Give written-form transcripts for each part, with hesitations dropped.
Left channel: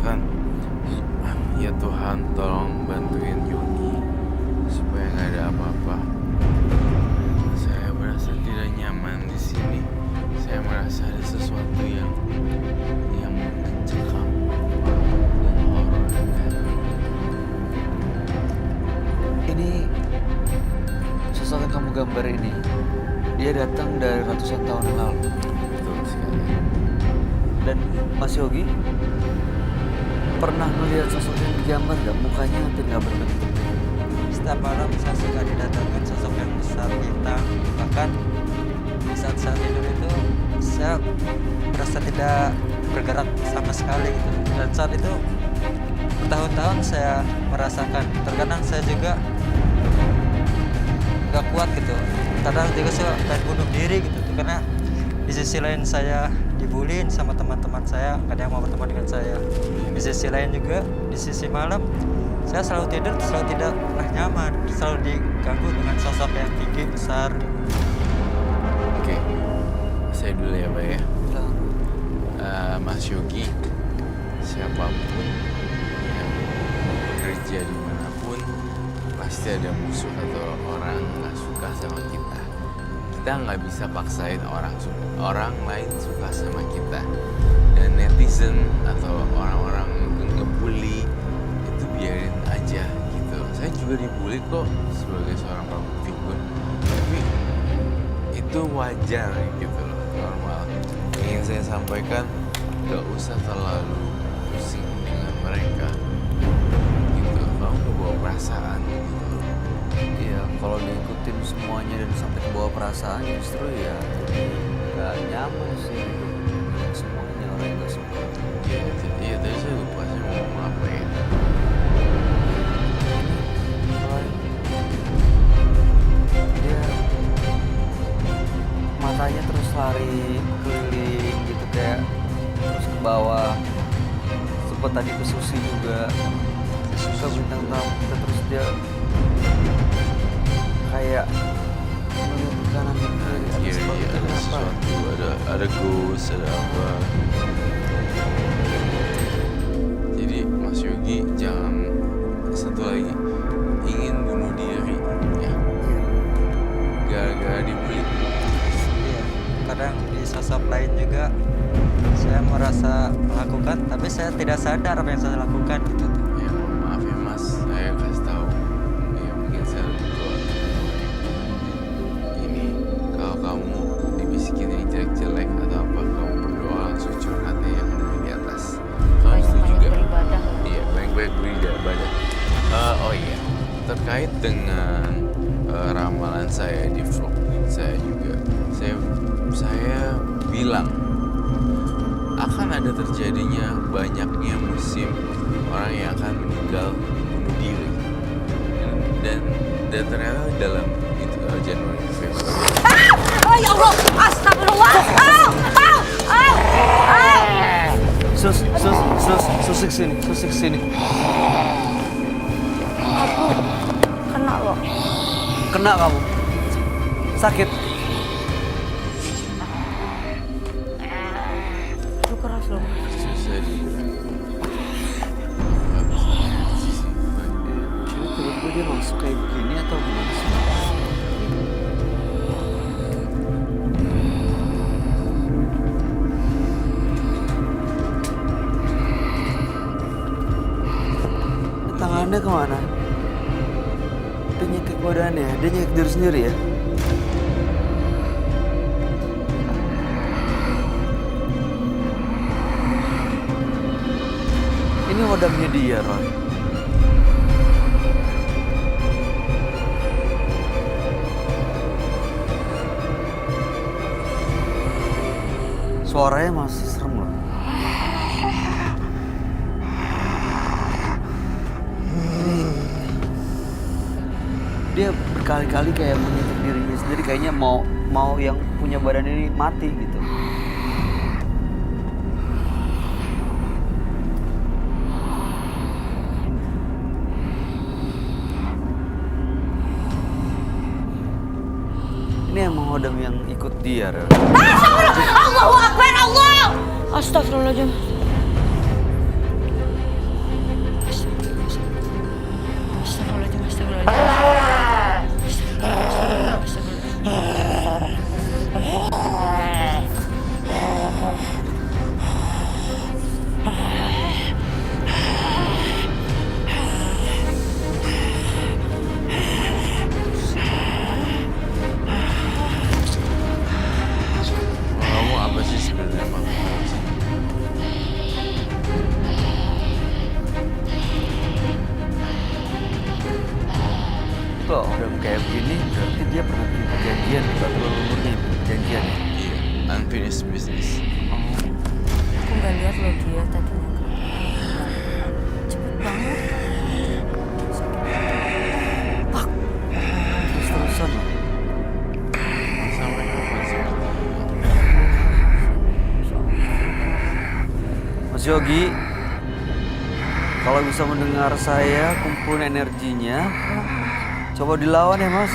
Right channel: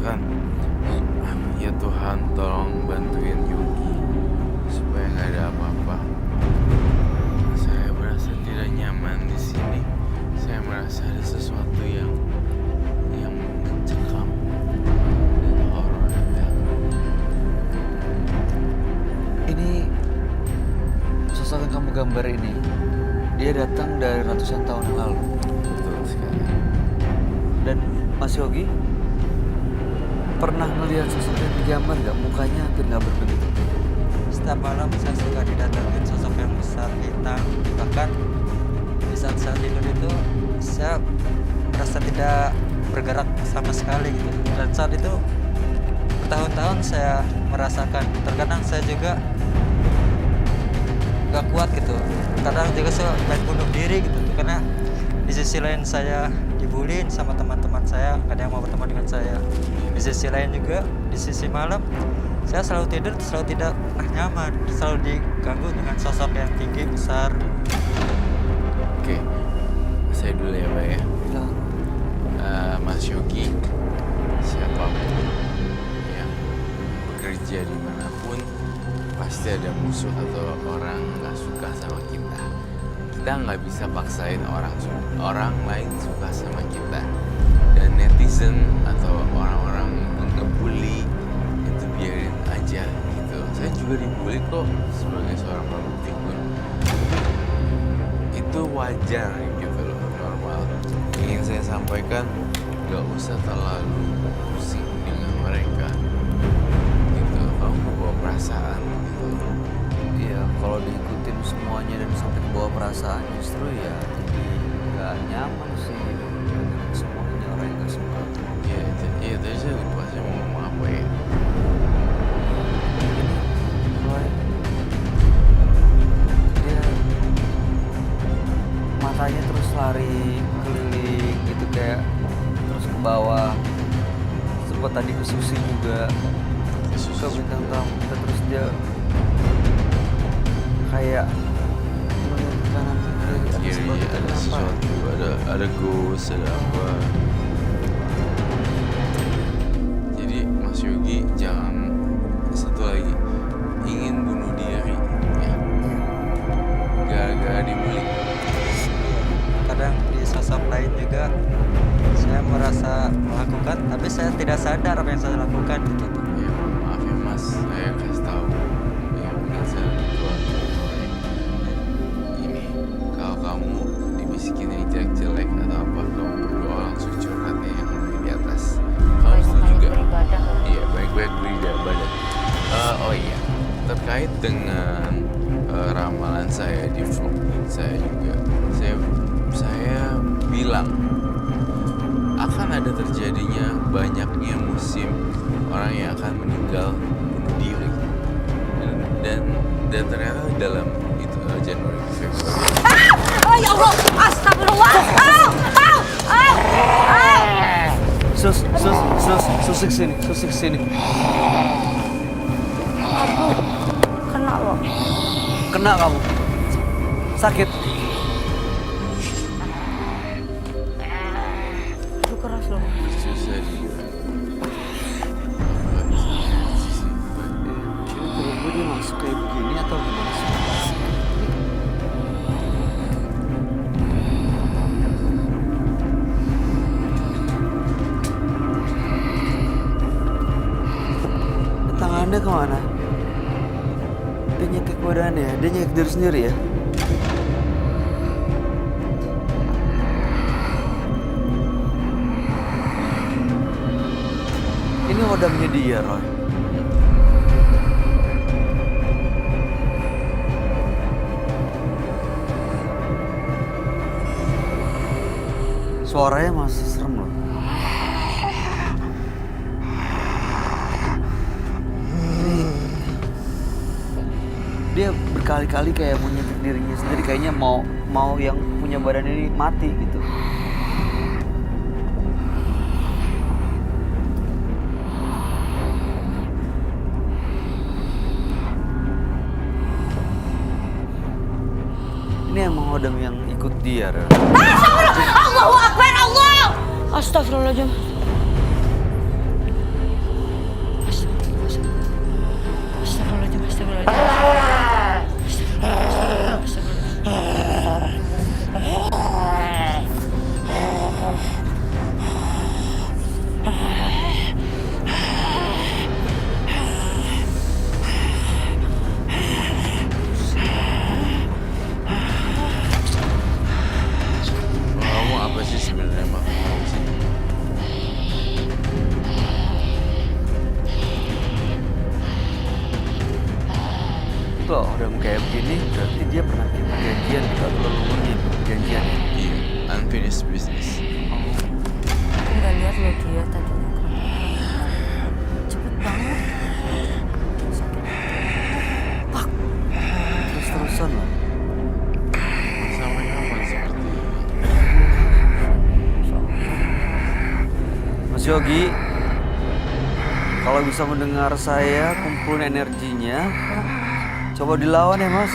kan, ya Tuhan tolong bantuin Yogi supaya nggak ada apa-apa. Saya merasa tidak nyaman di sini. Saya merasa ada sesuatu yang mencekam dan horor dan teror. Ini sosok yang kamu gambar ini, dia datang dari ratusan tahun yang lalu. Betul sekali. Dan Mas Yogi pernah melihat sosok yang digambar gak? Mukanya hampir gak berbentuk gitu. Setiap malam saya suka didatangin sosok yang besar hitam. Bahkan di saat-saat tidur itu saya merasa tidak bergerak sama sekali gitu. Dan saat itu bertahun-tahun saya merasakan. Terkadang saya juga gak kuat gitu. Kadang juga saya pengen bunuh diri gitu. Karena di sisi lain saya dibullying sama teman-teman saya, gak ada yang mau berteman dengan saya. Di sisi lain juga, di sisi malam saya selalu tidur, selalu tidak pernah nyaman, selalu diganggu dengan sosok yang tinggi, besar. Oke, saya dulu ya Pak ya. Bilang, Mas Yogi, siapapun yang bekerja dimanapun, pasti ada musuh atau orang nggak suka sama kita. Kita nggak bisa paksain orang lain suka sama kita. Dan netizen atau orang-orang ngebully itu biarin aja gitu. Saya juga dibully kok sebagai seorang public figure. Tapi itu wajar gitu loh, normal. Ingin saya sampaikan, gak usah terlalu pusing dengan mereka gitu. Kamu kebawa perasaan gitu loh. iya kalau diikutin semuanya dan sampai ke bawah perasaan justru ya jadi gak nyaman sih gitu. Semuanya orang yang gak suka. Iya tadi saya lupa saya mau ngomong apa ya. Ini Roy, dia matanya terus lari keliling gitu kayak terus ke bawah. Sempat tadi ke Susi juga, ke bintang tamu kita, terus dia kayak melihat ke kanan dan kiri ada Kiri sesuatu. ada Kenapa? sesuatu, ada ghost, ada apa. Jadi Mas Yogi jangan, satu lagi, ingin bunuh diri ya, gara-gara dibully. Iya, kadang di sosok lain juga saya merasa melakukan, tapi saya tidak sadar apa yang saya lakukan gitu. Ya maaf ya Mas, saya kasih tahu ya, mungkin saya lebih tua umurnya. Ini kalau kamu dibisikin yang jelek-jelek atau apa, kamu berdoa langsung curhat ya yang lebih di atas. Kamu setuju Banyak-banyak gak? beribadah lah. Iya, baik-baik beribadah. Oh iya, terkait dengan ramalan saya di vlog saya juga, saya bilang akan ada terjadinya banyaknya musim orang yang akan meninggal bunuh diri, dan ternyata dalam itu Januari Februari. Oh ya Allah, astagfirullah. Sus kesini. Aduh, kena loh. Kena kamu. Sakit. Aduh keras loh. Susah dibilang nggak bisa reaksi sih. Ini tiba-tiba dia masuk kayak begini atau gimana sih? Tangannya kemana? Dia nyekik badannya, dia nyekik diri sendiri ya? Ini hodamnya dia, Roy. Suaranya masih serem loh. Dia berkali-kali kayak menyentuh dirinya sendiri, kayaknya mau yang punya badan ini mati gitu. Ini emang Hodam yang ikut dia, Rel. Allahu Akbar, Allah. Astagfirullahaladzim. Loh, udah kayak begini berarti dia pernah bikin perjanjian gitu atau leluhurnya bikin perjanjian ya? Iya, unfinished business. Aku nggak lihat loh dia tadi nangkap. Cepet banget. Terus-terusan loh. Sampai kapan seperti ini? Mas Yogi, kalau bisa mendengar saya, kumpulin energinya. Coba dilawan ya, Mas.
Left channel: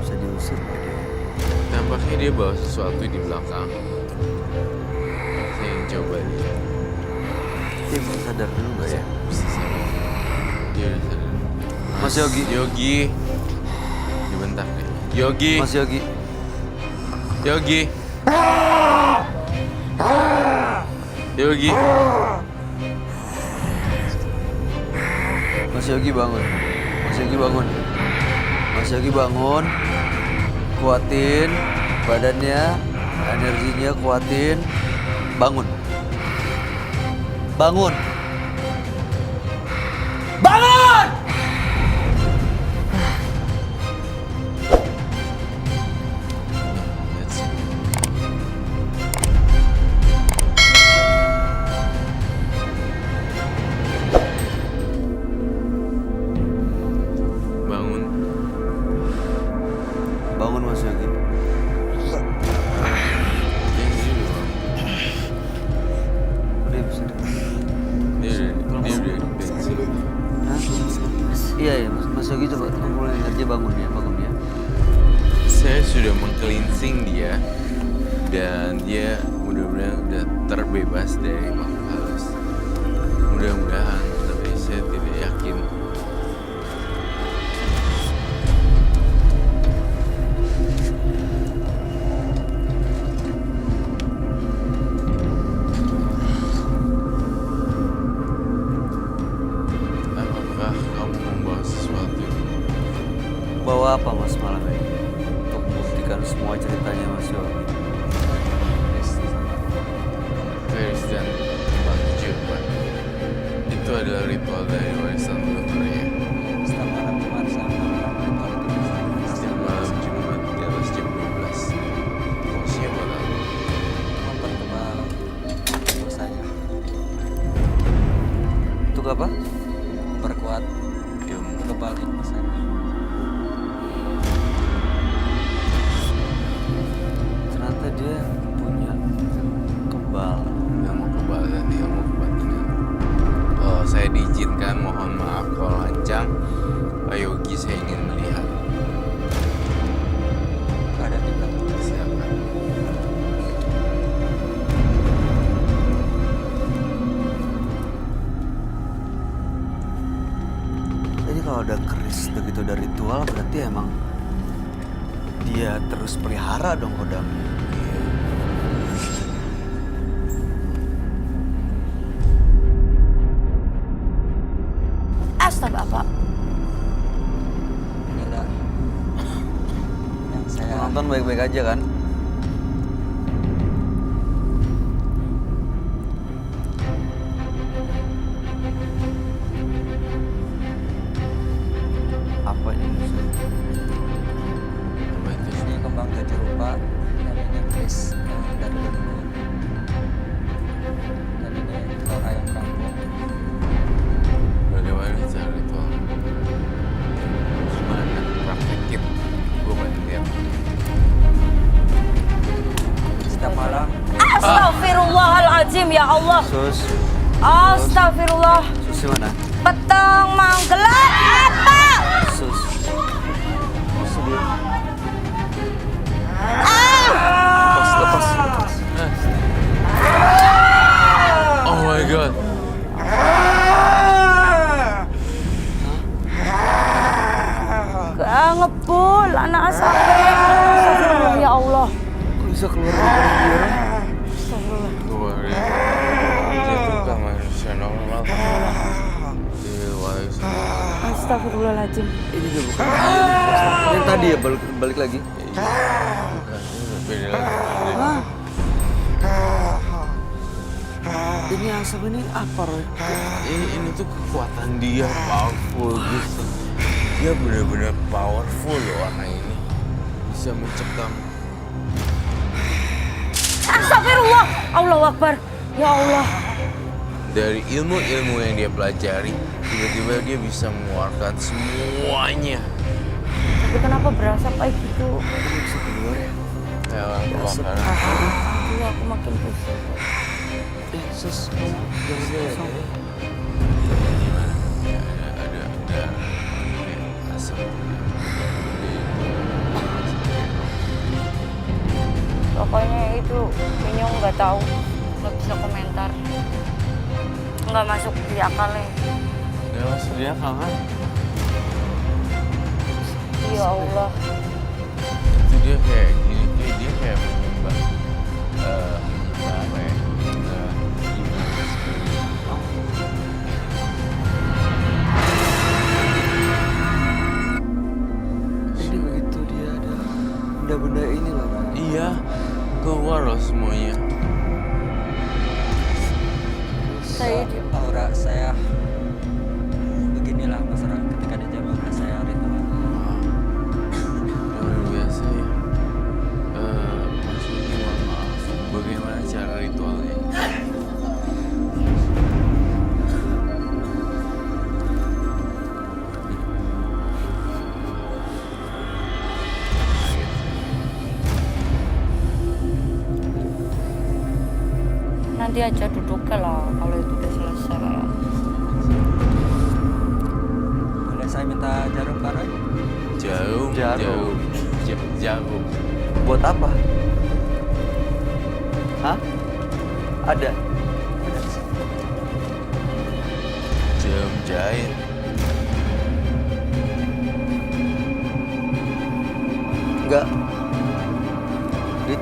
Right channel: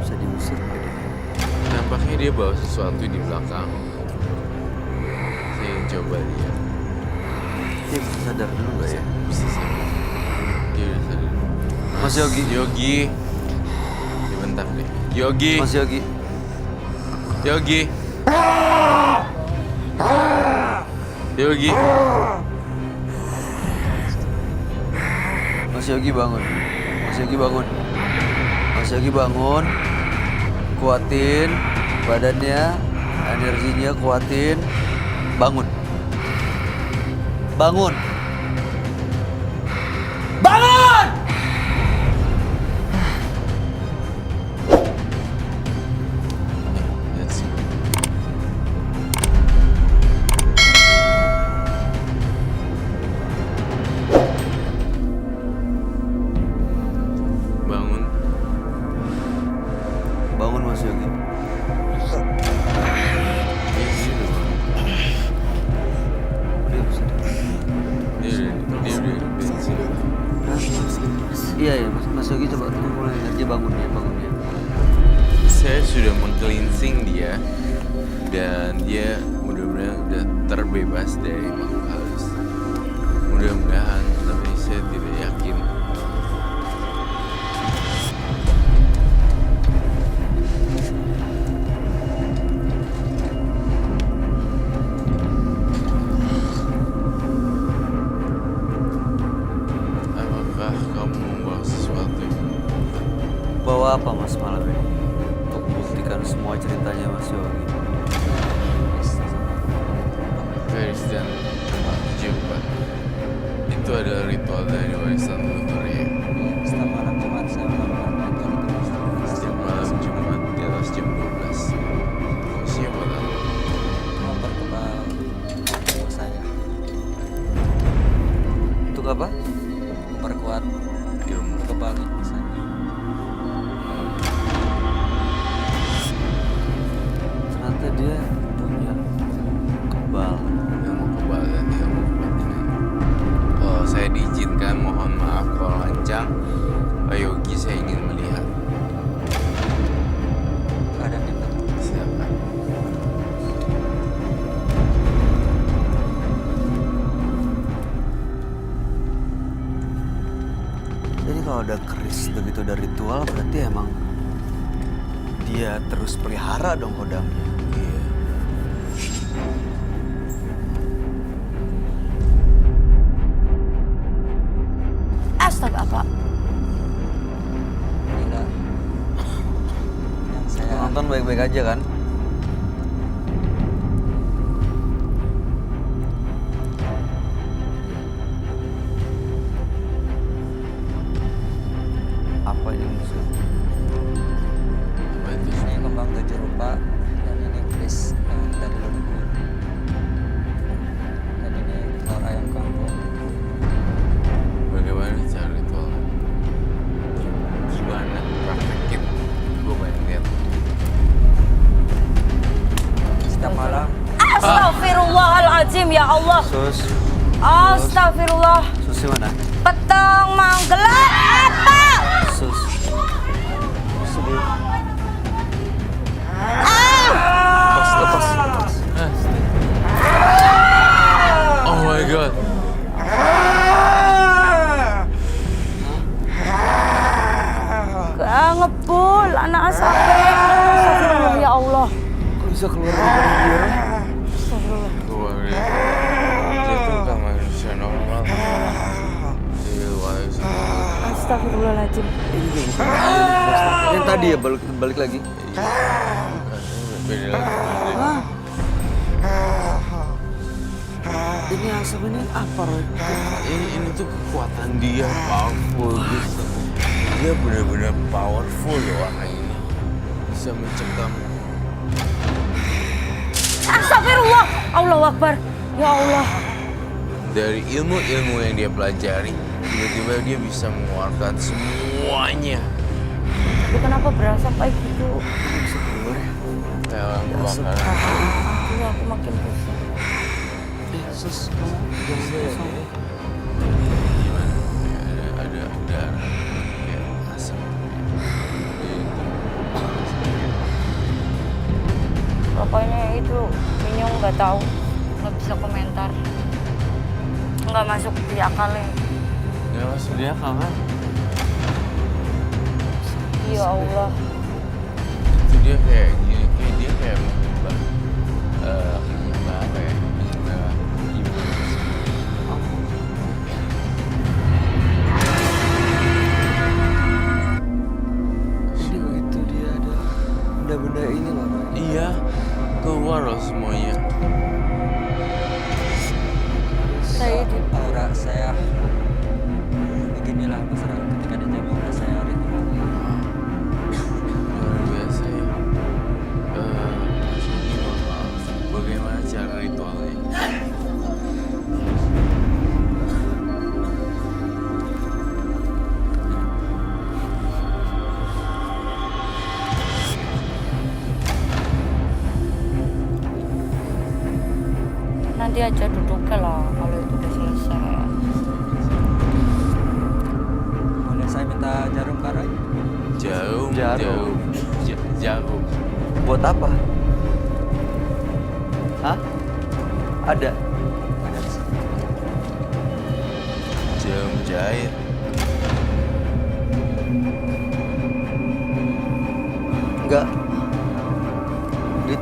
Bisa diusir nggak dia? Tampaknya dia bawa sesuatu di belakang. Saya ingin coba lihat. Dia bisa sadar dulu nggak ya? Bisa saya. Dia udah sadar. Mas Yogi. Yogi. Dia bentar deh. Yogi. Mas Yogi. Yogi. Yogi. Mas Yogi bangun. Mas Yogi bangun. Mas Yogi bangun. Kuatin badannya, energinya kuatin. Bangun. Bangun. Bangun! Let's go. Bangun. Bangun Mas Yogi. Dia udah bangun. Udah bisa. Dia udah bensin. Hah? Iya ya, Mas Yogi coba kumpulin energi bangun ya. Saya sudah meng-cleansing dia dan dia mudah-mudahan udah terbebas dari makhluk halus. Mudah-mudahan, tapi saya tidak yakin. Apakah kamu membawa sesuatu? Bawa apa Mas malam ini? Untuk membuktikan semua ceritanya Mas Yogi. Feris dan Batu Pak. Itu adalah ritual dari warisan leluhur ya. Setiap malam Jumat saya melakukan ritual itu. Setiap malam Jumat di atas jam 12. Fungsinya buat apa? Memperkebal ilmu saya, Untuk apa? memperkuat Ilmu. kebal ilmu saya. Ternyata dia punya kebal. Ilmu kebal dan ilmu kebatinan. Kalau saya diizinkan, mohon maaf kalau lancang. Pak Yogi, saya ingin melihat. Ada di belakang. Silakan. Jadi kalau ada keris begitu ada ritual berarti emang dia terus pelihara dong kodamnya. Iya. Astaga, apa? Inilah yang saya Penonton baik-baik aja kan? Apa ini musuh? Apa itu? ini kembang tujuh rupa dan ini keris yang dari leluhur dan ini telur ayam kampung. Bagaimana cara ritual? Gimana? Praktekin. Gue pengen lihat. Setiap malam Astagfirullahaladzim, ya Allah. Sus, Astagfirullah. Susi mana? Petang manggelat apa? Sus. Susi dia. Lepas. Oh my god. Ngebul anak sampai. Astagfirullah, ya Allah. Kok bisa keluar dari dia? Astagfirullah. Keluar ya. Dia tuh kan manusia normal. Dia warisan. Astagfirullahaladzim. Ini juga bukan yang tadi ya, balik lagi. Bukan, ini beda lagi. Ini asap ini apa, Roy? Ini tuh kekuatan dia, powerful gitu. Dia benar-benar powerful loh orang ini. Bisa mencekam. Astagfirullah. Allahu Akbar. Ya Allah. Dari ilmu-ilmu yang dia pelajari, tiba-tiba dia bisa mengeluarkan semuanya. Tapi kenapa berasap kayak gitu? Ini bisa keluar ya? Kayak orang kebakaran. Aduh, aku makin pusing. Sus, kamu jangan kosong. Gimana? Ya, ada kayak asap. Pokoknya itu Pinyong nggak tahu, nggak bisa komentar, nggak masuk di akalnya. Gak masuk dia kan? Ya Allah. Itu dia kayak gini, dia kayak menyembah apa ya? Menyembah ibu. Ini begitu dia ada benda-benda ini loh, Roy. Iya, keluar loh semuanya. Saya di Aura saya beginilah masyarakat ketika dijaga oleh saya ritual. Luar biasa ya. Mas Yogi, mohon maaf. Bagaimana cara ritualnya? nanti aja duduknya lah kalau itu udah selesai. Boleh saya minta jarum Kak Roy? Jarum. Jarum. Buat apa? Hah? Ada? Ada di sini. Jarum jahit. Enggak. Dit.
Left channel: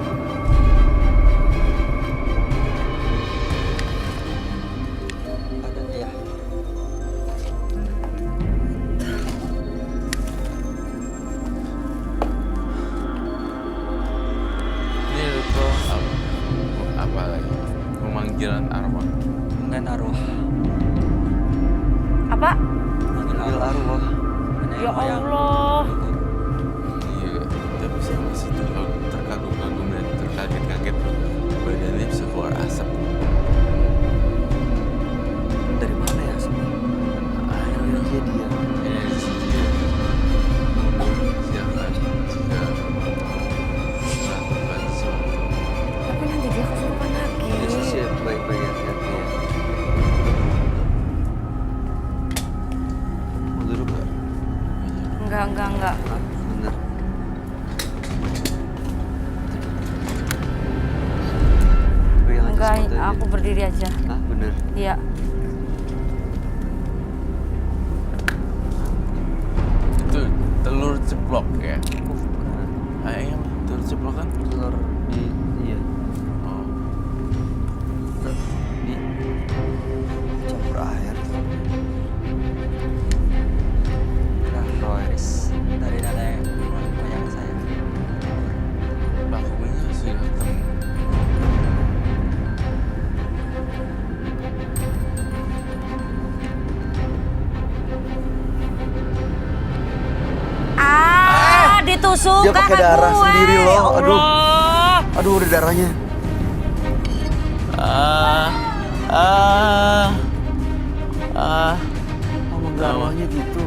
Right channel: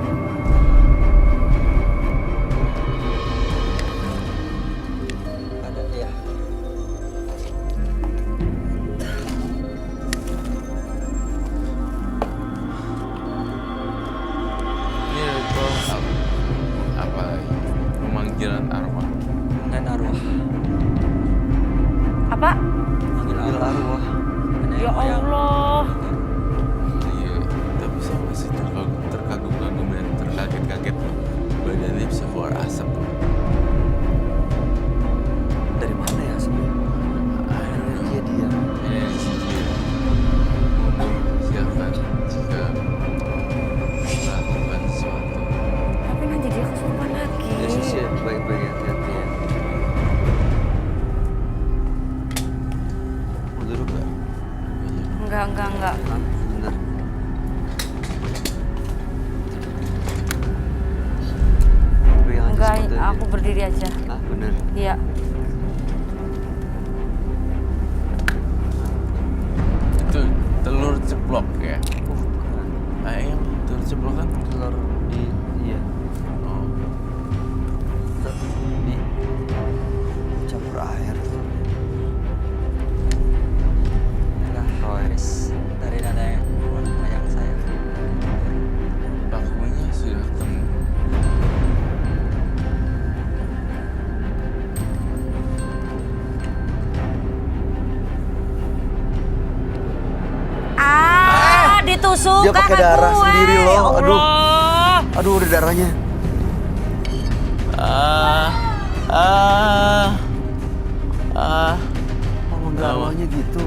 Ada, iya. Ini ritual apa lagi? Pemanggilan arwah. Dengan arwah. Apa? Manggil Manggil arwah. arwah. Nenek Ya moyang. Allah. Iya, tapi saya masih terkagum-kagum dan terkaget-kaget. Badannya bisa keluar asap. Dari mana ya sebenarnya? Energi dia. Energi dia. Mundur, silakan jika mau melakukan sesuatu. Tapi nanti dia kesurupan lagi. Yesus ya, baik-baik, hati-hati ya. Mau duduk gak? Enggak. Ah, bener. Pegang aja Enggak, sepatu aja. aku berdiri aja. Ah, bener. Iya. Itu telur ceplok ya? Bukan. Ayam telur ceplok kan? Telur di, iya. Oh, Di campur air telurnya. Inilah Roy. garis dari nenek moyang saya. pelakunya sudah ketemu. Ditusuk Dia pakai kakak darah gue. sendiri loh, Ya aduh. Allah. Aduh, udah darahnya. Ah. Oh, enggak, Lama. awalnya gitu.